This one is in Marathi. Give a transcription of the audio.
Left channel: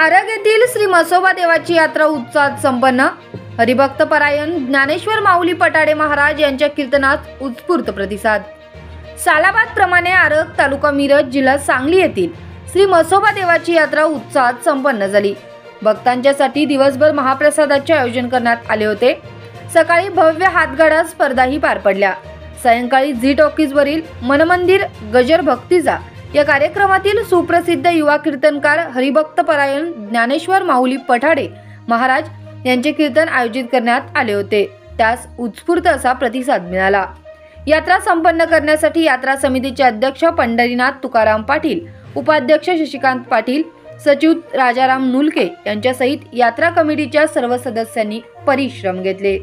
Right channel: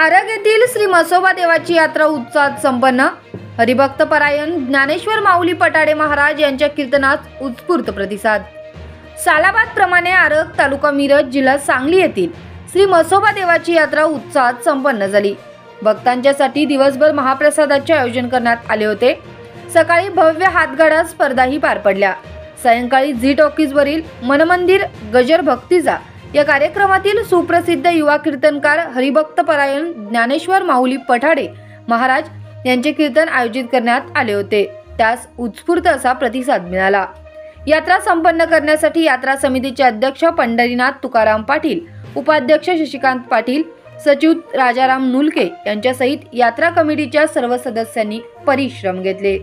आरग येथील श्री म्हसोबा देवाची यात्रा उत्साहात संपन्न। हरिभक्त परायण ज्ञानेश्वर माऊली पठाडे महाराज यांच्या कीर्तनात उत्स्फूर्त प्रतिसाद। सालाबाद प्रमाणे आरग तालुका मिरज जिल्हा सांगली येथील श्री म्हसोबा देवाची यात्रा उत्साहात संपन्न झाली। भक्तांच्यासाठी दिवसभर महाप्रसादाचे आयोजन करण्यात आले होते। सकाळी भव्य हातगाडा स्पर्धाही पार पडल्या। सायंकाळी झी टॉकीज वरील मनमंदिर गजर भक्तीचा या कार्यक्रमातील सुप्रसिद्ध युवा कीर्तनकार हरिभक्त परायण ज्ञानेश्वर माऊली पठाडे महाराज यांचे कीर्तन आयोजित करण्यात आले होते। त्यास उत्स्फूर्त असा प्रतिसाद मिळाला। यात्रा संपन्न करण्यासाठी यात्रा समितीचे अध्यक्ष पंढरीनाथ तुकाराम पाटील, उपाध्यक्ष शशिकांत पाटील, सचिव राजाराम नुलके यांच्यासहित यात्रा कमिटीच्या सर्व सदस्यांनी परिश्रम घेतले।